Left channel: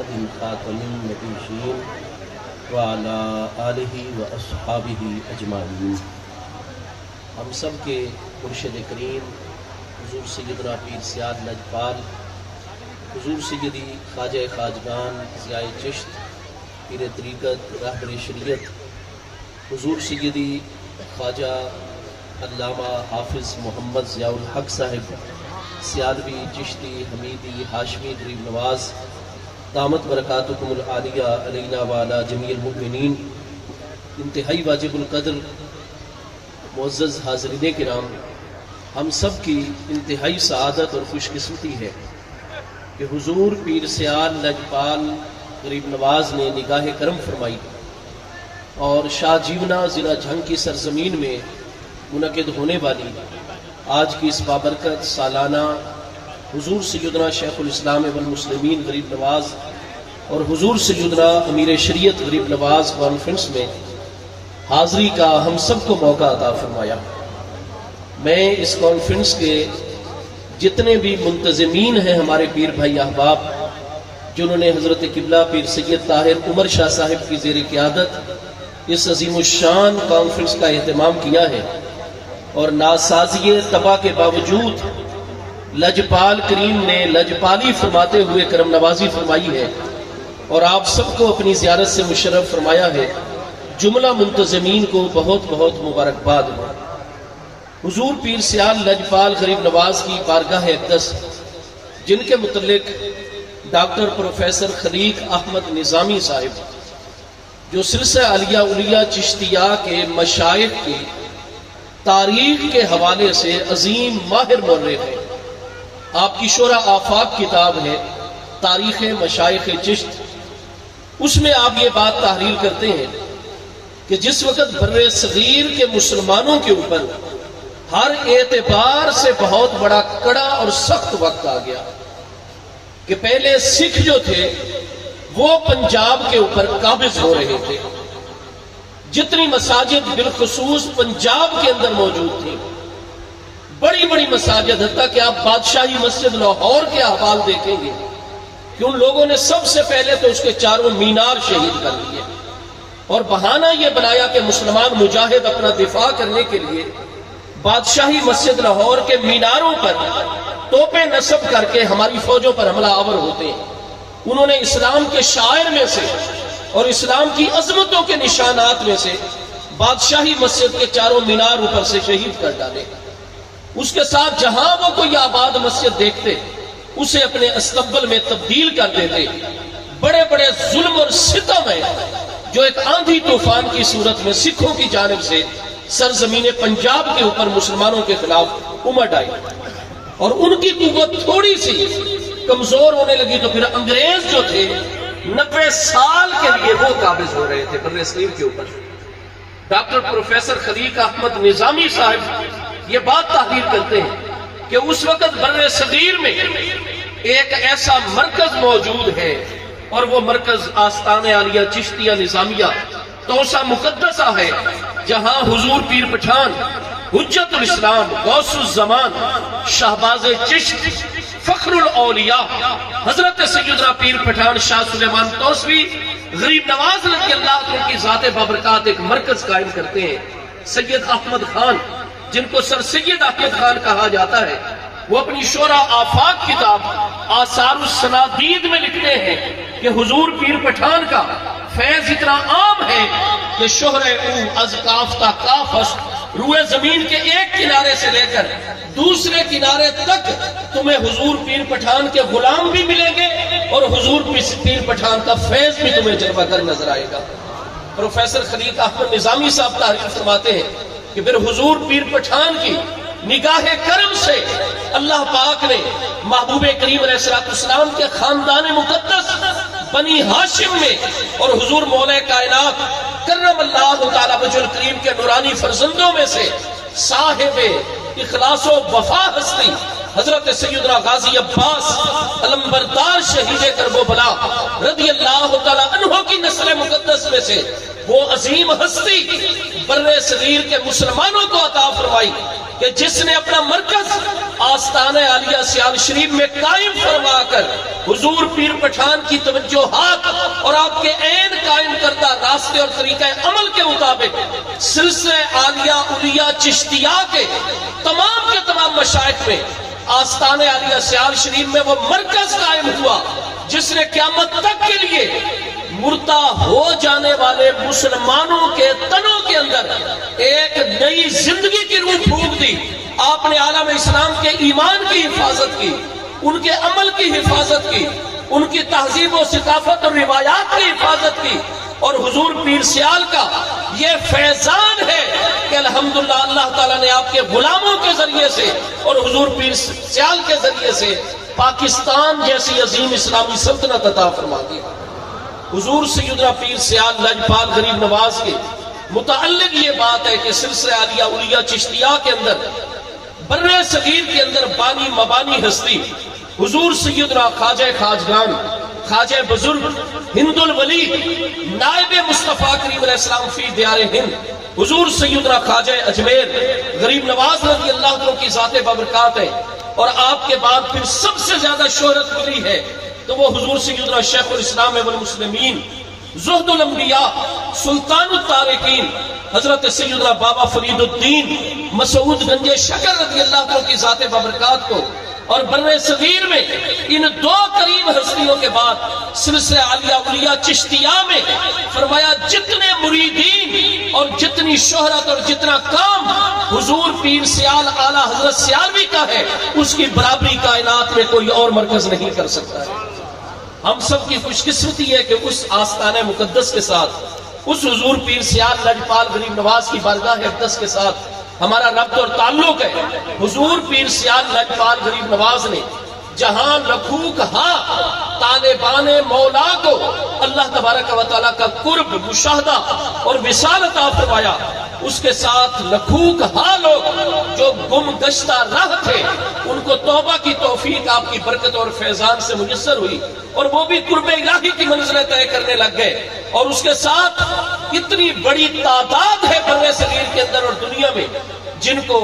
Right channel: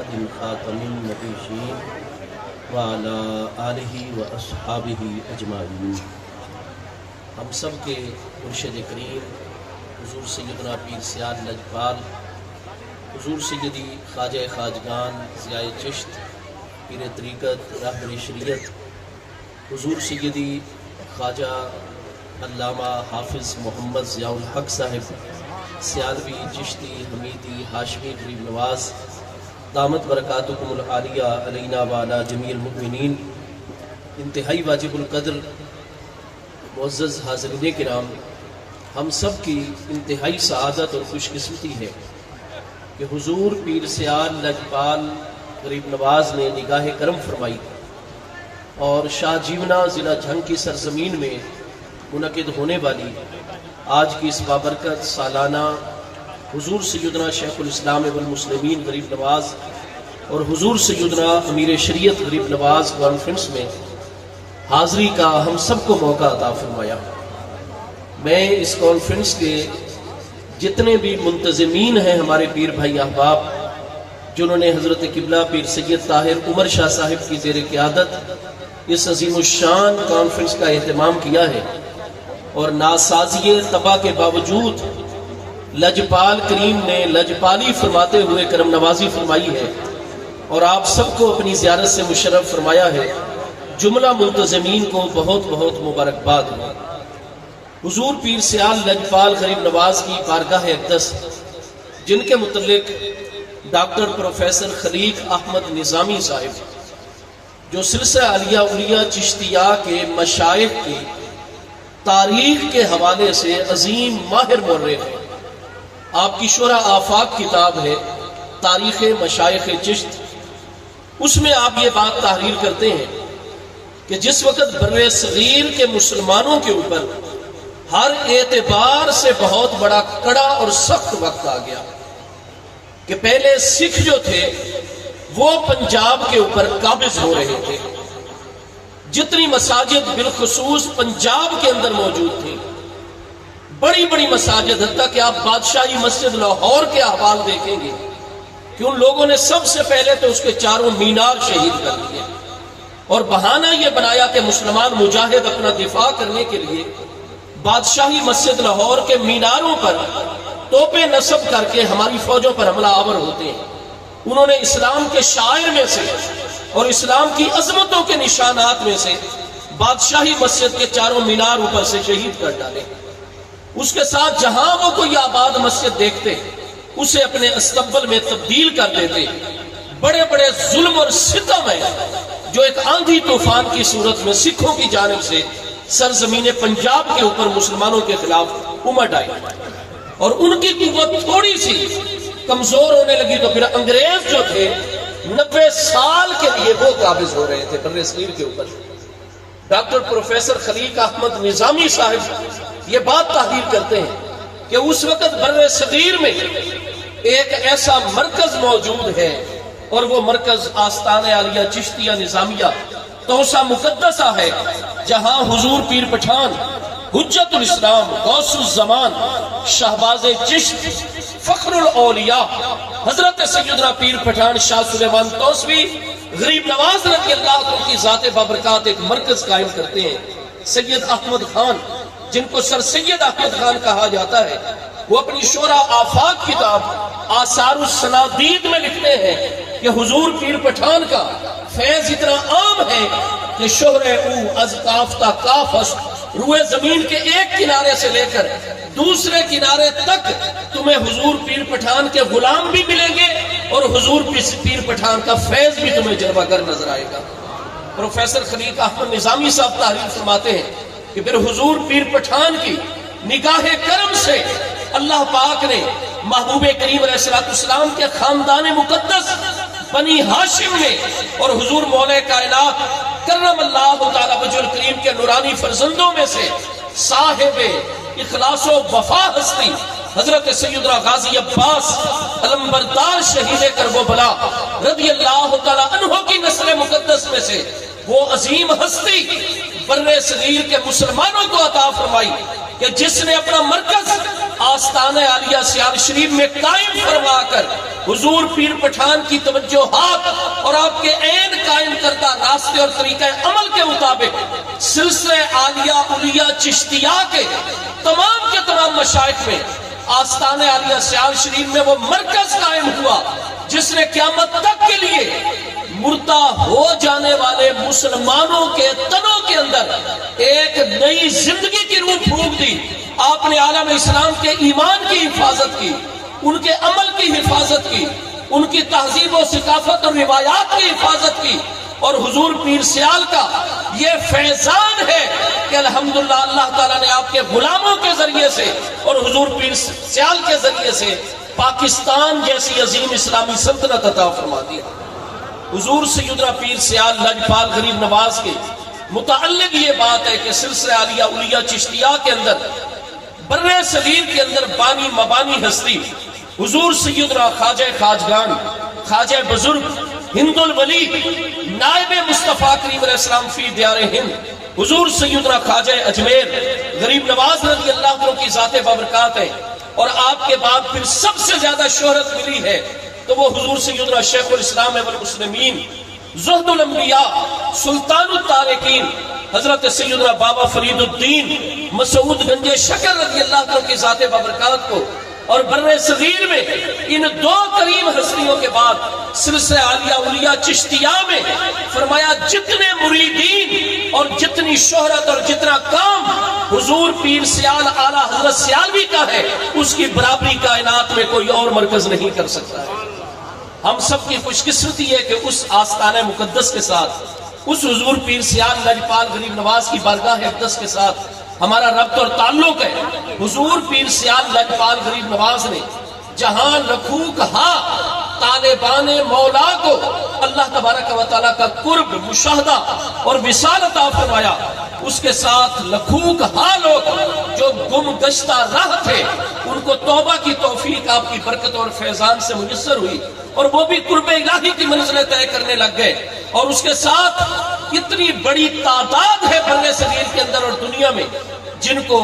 خاتم النبیین وعلی آلہ واصحابہ اجمعین۔ ہم سب کے مرشد کریم حضور سیدنا پیر سیاد لجپال، حضور سیدی خواجہ خواجگان ضیاء چشت پیر طریقت رہبر شریعت، حضور سیدی خواجہ علامہ حافظ محمد ضیاء الحق صاحب سیالوی چشتی حمیدی ہاشمی غریب نواز دامت برکاتکم العالیہ علینا وعلی جمیع المؤمنین۔ انتہائی واجب القدر معزز حاضرین کرام، ہم سب کی انتہائی سعادت اور خوش قسمتی ہے کہ حضور پیر سیاد لجپال غریب نواز نے نگاہ کرم فرمائی اور شاہ جیونا ضلع جھنگ کی سرزمین میں منعقد ہونے والی آج کی اس بابرکت سالانہ حضور سیدنا شیخ الاسلام والمسلمین غریب نواز اور حضور سیدنا امیر شریعت غریب نواز کانفرنس میں حاضری کا ہم سب کو موقع عطا فرمایا۔ میں اس کانفرنس کے جتنے بھی منتظمین ہیں ہمارے پیر بھائی احباب، جنہوں نے حضرت قبلہ پیر سید طاہر عمر شاہ صاحب کی زیر قیادت اس عظیم الشان کانفرنس کا اہتمام کیا ہے، اور ناسازی تباہ کے باوجود لجپال کریم نے لجپالی فرماتے ہوئے کرم نوازی فرمائی ہے اور آپ سب کو اپنی زیارت سے مشرف فرمایا ہے۔ جملہ منتظمین کو بہت بہت مبارکباد ہے۔ حضور پیر سیاد لجپال غریب نواز کی بارگاہ اقدس، جن کے متعلق ڈاکٹر پروفیسر خلیق احمد نظامی صاحب، جو سلسلہ عالیہ اولیاء چشتیہ کے مشائخ کی تاریخ کے حوالے سے عظیم ماہر مورخ ہیں، آپ کی شورى آفاق کتاب ہے تاریخ مشائخ چشت، اس میں آپ یہ بات تحریر کرتے ہیں کہ جس وقت بر صغیر کے مسلمانوں کے اوپر ہر اعتبار سے بہت بڑا کڑا اور سخت وقت آ گیا کہ پہلے سکھ جو تھے وہ پنجاب کے اوپر قابض ہو رہے تھے، جتنی مساجد بالخصوص پنجاب کے اندر موجود تھی، بڑی بڑی مساجد، حتیٰ کہ آپ بادشاہی مسجد لاہور کے احوال دیکھیں گے کہ ان لوگوں نے سب سے پہلے تو اس کے چاروں مینار شہید کر دیے اور بہانہ یہ بنایا کہ مسلمان مجاہد اپنا دفاع کرنے کے لیے بادشاہی مسجد لاہور کے میناروں پر توپیں نصب کر کے ہماری فوجوں پر حملہ آور ہوتے ہیں۔ انہوں نے اسلام کے شاعر میں سے اور اسلام کی عظمتوں کے نشانات میں سے بادشاہی مسجد کے چاروں مینار اوپر سے شہید کر ڈالے۔ اس کے ساتھ جہاں وہ کوئی آباد مسجد دیکھتے اسے اپنے استقبل میں تبدیل کر دیتے۔ بڑے بڑے ظلم اور ستم ہے جو ایک آندھی طوفان کی صورت میں سکھوں کی جانب سے سرزمین پنجاب کے اوپر مسلمانوں کے خلاف امٹ آئی، اور ان کی قوت تھوڑی سی کمزور ہونے لگی تو پھر انگریز جو تھے 90 سال کے لیے وہ قابض ہو رہے تھے بر صغیر کے اوپر۔ ڈاکٹر پروفیسر خلیق احمد نظامی صاحب یہ بات تحریر کرتے ہیں کہ اس وقت بر صغیر میں ایک ایسا مرکز موجود ہے، اور وہ مرکز آستان عالیہ چشتیہ نظامیہ توسہ مقدسہ ہے، جہاں حضور پیر پٹھان حجت الاسلام غوث الزمان شہباز چشت فخر الاولیاء حضرت سیدنا پیر پٹھان شاہ سلیمان توسوی غریب نواز رضی اللہ عنہ کی ذات بابرکات ایک مرکز قائم کرتے ہیں۔ سید احمد خان، جن کو سر سید احمد خان کہا جاتا ہے، وہ اپنی شورى آفاق کتاب آثار السنادید میں لکھتے ہیں کہ حضور پیر پٹھان کا فیض اتنا عام ہے کہ شہر او از کاف تا کاف است، روئے زمین کے ایک کنارے سے لے کر دوسرے کنارے تک تمہیں حضور پیر پٹھان کے غلام بھی ملیں گے اور حضور پیر پٹھان کا فیض بھی تمہیں جلوہ گر نظر آئے گا۔ پروفیسر خلیق احمد نظامی صاحب تحریر فرماتے ہیں کہ پھر حضور پیر پٹھان کی نگاہ کرم سے اللہ پاک نے محبوب کریم علیہ السلام کے خاندان مقدس بنی ہاشم میں اور حضور مولا کائنات کرم اللہ تعالی وجہ الکریم کے نورانی فرزندوں میں سے صاحب اخلاص و وفا ہستی حضرت سیدنا غازی عباس علمبردار شہید کربلا رضی اللہ تعالی عنہ کی نسل مقدس میں سے وہ عظیم ہستی بر صغیر کے مسلمانوں کو عطا فرمائی کہ جس نے اپنا مرکز آستانہ عالیہ سیال شریف میں قائم فرما کر حضور پیر پٹھان کی توجہات اور آپ کے عین قائم کردہ راستے اور طریقہ عمل کے مطابق سلسلہ عالیہ اولیاء چشتیہ کے تمام مشائخ میں آستانہ عالیہ سیال شریف میں وہ مرکز قائم ہوا جس نے قیامت تک کے لیے مردہ ہو جانے والے مسلمانوں کے تنوں کے اندر ایک نئی زندگی کی روح پھونک دی۔ آپ نے عالم اسلام کے ایمان کی حفاظت کی، ان کے عمل کی حفاظت کی، ان کی تہذیب و ثقافت اور روایات کی حفاظت کی، اور حضور پیر سیال کا یہ فیضان ہے کہ الحمدللہ اللہ تعالیٰ نے آپ کے غلاموں کے ذریعے سے اور حضور پیر سیال کے ذریعے سے پاکستان جیسی عظیم اسلامی سلطنت عطا فرما دی۔ حضور سیدنا پیر سیال لجپال غریب نواز کے متعلق یہ بات ہے کہ سلسلہ عالیہ اولیاء چشتیہ کے اندر برِ صغیر کے اندر بانی مبانی ہستی حضور سیدنا خواجہ خواجگان، خواجہ بزرگ، ہند الولی، نائب مصطفیٰ کریم علیہ السلام فی دیار ہند، حضور سیدنا خواجہ اجمیر غریب نواز رضی اللہ عنہ کی ذات بابرکات ہے۔ اور آپ کے بعد پھر سب سے زیادہ شہرت ملی ہے تو وہ حضور سیدنا شیخ الاسلام والمسلمین، زہد الانبیاء، سلطان الطارقین، حضرت سیدنا بابا فرید الدین مسعود گنج شکر رضی اللہ عنہ کی ذات بابرکات کو، اور برِ صغیر میں ان دو کریم ہستیوں کے بعد سلسلہ عالیہ اولیاء چشتیہ میں فرمایا جتنے مریدین اور جتنی شہرت اور جتنا کام حضور پیر سیال اعلیٰ حضرت سیالوی کا ہے اس کی برابری کائنات میں کوئی اور مرکز نہیں کر سکتا ہے۔ ہم سب کی خوش قسمتی ہے کہ اس آستانہ مقدس کے ساتھ، اس حضور پیر سیال لجپال غریب نواز کی بارگاہ اقدس کے ساتھ ہمارا ربط اور تعلق ہے۔ حضور پیر سیال لجپال غریب نواز نے جہاں لکھو کہا طالبان مولا کو اللہ تبارک و تعالیٰ کا قرب، مشاہدہ اور وصال عطا فرمایا، اس کے ساتھ لکھو کہا لوگ جو گم گشتہ راہ تھے ان کو توبہ کی توفیق آپ کی برکت اور فیضان سے میسر ہوئی، اور وہ بھی قرب الہی کی منزلیں طے کرنے لگ گئے۔ اور اس کے ساتھ اتنی بڑی تعداد ہے برِ صغیر کے اندر اور دنیا میں جن کو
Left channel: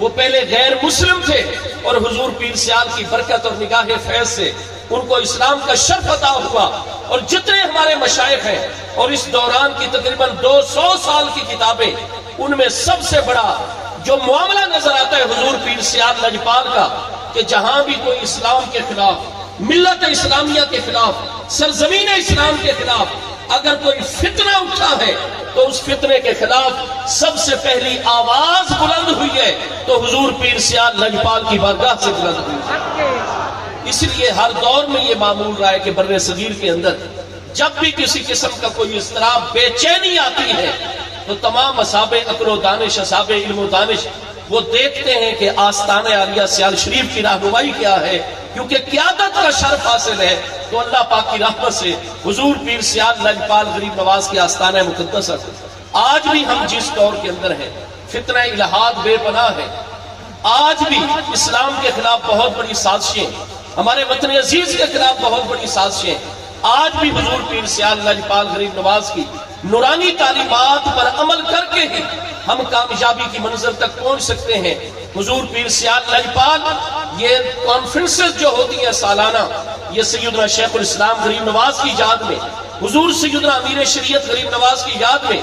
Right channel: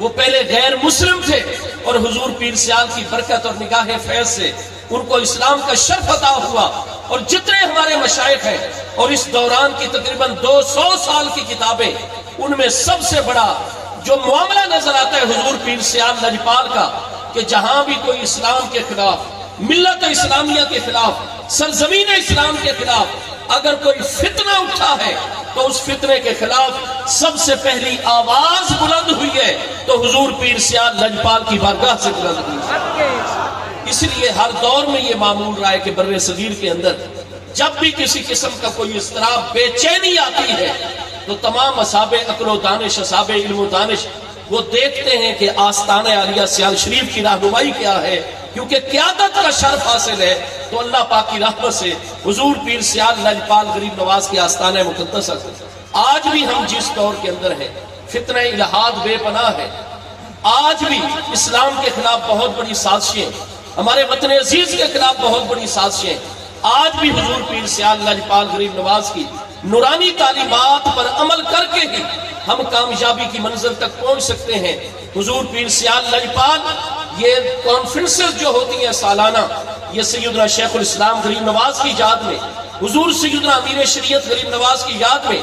وہ پہلے غیر مسلم تھے اور حضور پیر سیال کی برکت اور نگاہ فیض سے ان کو اسلام کا شرف عطا ہوا۔ اور جتنے ہمارے مشائخ ہیں اور اس دوران کی تقریباً 200 سال کی کتابیں، ان میں سب سے بڑا جو معاملہ نظر آتا ہے حضور پیر سیال لجپال کا کہ جہاں بھی کوئی اسلام کے خلاف، ملت اسلامیہ کے خلاف، سرزمین اسلام کے خلاف اگر کوئی فتنہ اٹھا ہے تو اس فتنے کے خلاف سب سے پہلی آواز بلند ہوئی ہے تو حضور پیر سیال لجپال کی بارگاہ سے بلند ہوئی ہے۔ اس لیے ہر دور میں یہ معمول رہا ہے کہ برِ صغیر کے اندر جب بھی کسی قسم کا کوئی اضطراب، بے چینی آتی ہے تو تمام اصحاب عقل و دانش، اصحاب علم و دانش وہ دیکھتے ہیں کہ آستانہ عالیہ سیال شریف کی رہنمائی کیا ہے، کیونکہ قیادت کا شرف حاصل ہے تو اللہ پاک کی رحمت سے حضور پیر سیال لجپال غریب نواز کی آستانہ مقدس ہے۔ آج بھی ہم جس دور کے اندر ہیں فتنہ الہاد بے پناہ ہے، آج بھی اسلام کے خلاف بہت بڑی سازشیں، ہمارے وطن عزیز کے خلاف بہت بڑی سازشیں، آج بھی حضور پیر سیال لجپال غریب نواز کی نورانی تعلیمات پر عمل کر کے ہی ہم کامیابی کی منزل تک پہنچ سکتے ہیں۔ حضور پیر سیال لجپال یہ کانفرنسز جو ہوتی ہیں سالانہ، یہ سیدنا شیخ الاسلام غریب نواز کی یاد میں، حضور سیدنا امیر شریعت غریب نواز کی یاد میں،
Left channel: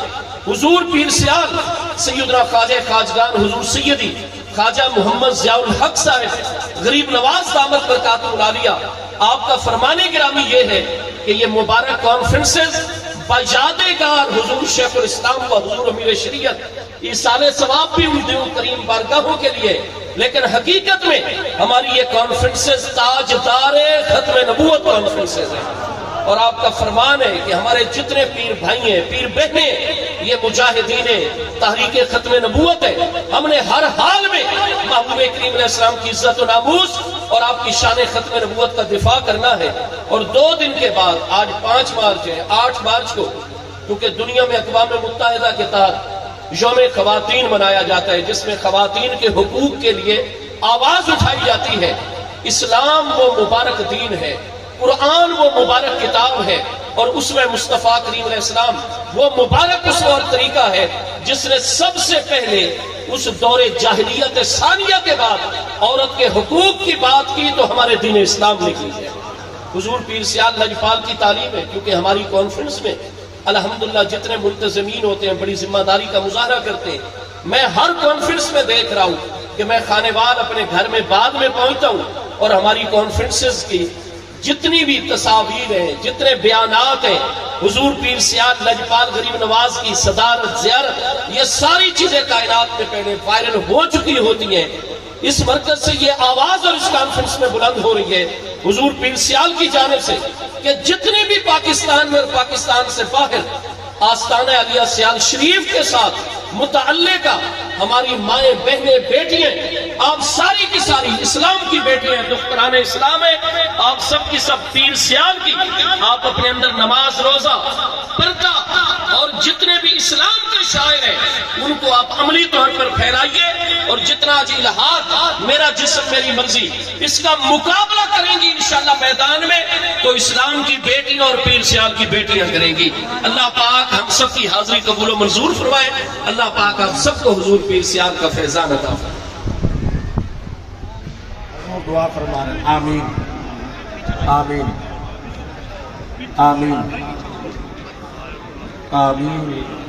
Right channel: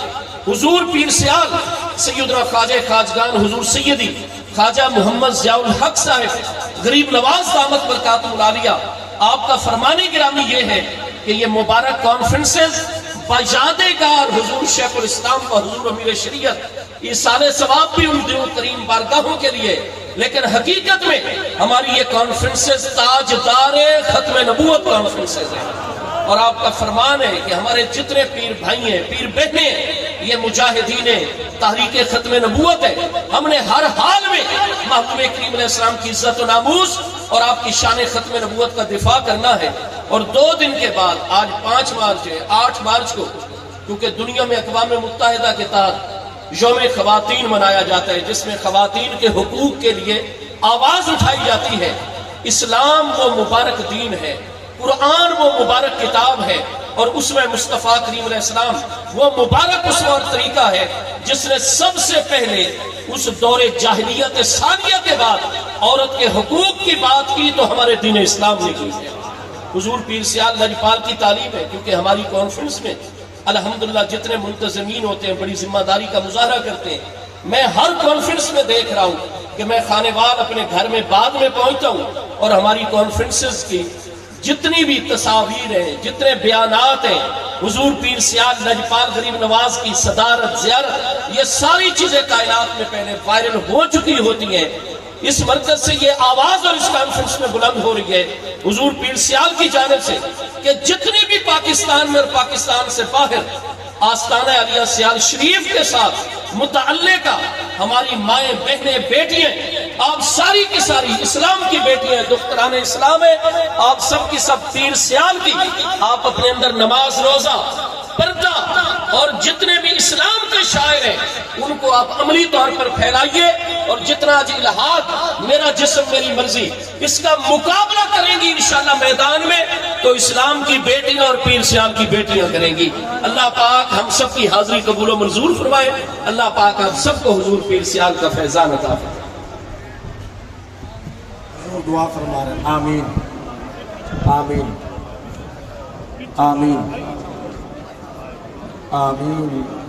حضور پیر سیال سیدنا خواجہ خواجگان حضور سیدی خواجہ محمد ضیاء الحق صاحب غریب نواز دامت برکاتہ العالیہ، آپ کا فرمان گرامی یہ ہے کہ یہ مبارک کانفرنسز بجادگار حضور شیخ الاسلام و حضور امیر شریعت ایصال ثواب بھی ان دنوں کریم بارگاہوں کے لیے، لیکن حقیقت میں ہماری یہ کانفرنسز تاجدار ختم نبوت کانفرنسز ہیں۔ اور آپ کا فرمان ہے کہ ہمارے جتنے پیر بھائی ہیں، پیر بہنیں، یہ مجاہدین تحریک ختم نبوت ہے، ہم نے ہر حال میں محبوب کریم علیہ السلام کی عزت و ناموس اور آپ کی شان ختم نبوت کا دفاع کرنا ہے۔ اور 2 دن کے بعد، آج 5 مارچ ہے، 8 مارچ کو کیونکہ دنیا میں اقوام متحدہ کے تحت یوم خواتین منایا جاتا ہے جس میں خواتین کے حقوق کے لیے آواز اٹھائی جاتی ہے۔ اسلام وہ مبارک دین ہے، قرآن وہ مبارک کتاب ہے، اور اس میں مصطفیٰ کریم علیہ السلام وہ مبارک اسوہ اور طریقہ ہے جس نے سب سے پہلے اس دور جاہلیت ثانیہ کے بعد عورت کے حقوق کی بات کی تو ہمارے دین اسلام نے کی ہے۔ حضور پیر سیال لجپال کی تعلیم ہے، کیونکہ ہماری کانفرنس میں الحمدللہ جتنے ملتزمین ہوتے ہیں بڑی ذمہ داری کا مظاہرہ کرتے ہیں۔ میں ہر کانفرنس میں دیکھ رہا ہوں کہ میں خانے وال اپنے گھر میں بعد میں پہنچتا ہوں اور ہماری کانفرنسز کی جتنی بھی تصاویر ہیں، جتنے بیانات ہیں، حضور پیر سیال لجپال غریب نواز کی صدارت، زیارت، یہ ساری چیزیں کائنات میں پہلے وائرل ہو چکی ہوتی ہیں۔ اس مرکز سے یہ آواز اور اس کانفرنس میں بلند ہو رہی ہے حضور پیر سیال کی جانب سے کہ جتنی بھی پاکستان میں اور پاکستان سے باہر آستانہ علیہ سیال شریف کے ساتھ متعلقہ ہماری مائیں، بہنیں، بیٹیاں، آپ ساری کی ساری اسلام کی بیٹیاں، دختران اسلام ہیں، آپ سب کی سب پیر سیال کی، آپ اپنے اندر نماز، روزہ، پردہ اور جتنے بھی اسلام کے شاعر ہیں ان کو آپ عملی طور پر پھیلائیے، اور جتنا جی لحاظ میرا جسم میری مرضی اس کا مقابلہ کریں گی انشاءاللہ میدان میں تو اسلام کی بیٹیاں اور پیر سیال کی بیٹیاں کریں گی۔ اللہ پاک ہم سب کی حاضری قبول و منظور فرمائے، اللہ پاک آپ سب کو حضور پیر سیال کا فیضان عطا فرمائے۔ دعا فرما رہے ہیں، آمین آمین آمین آمین۔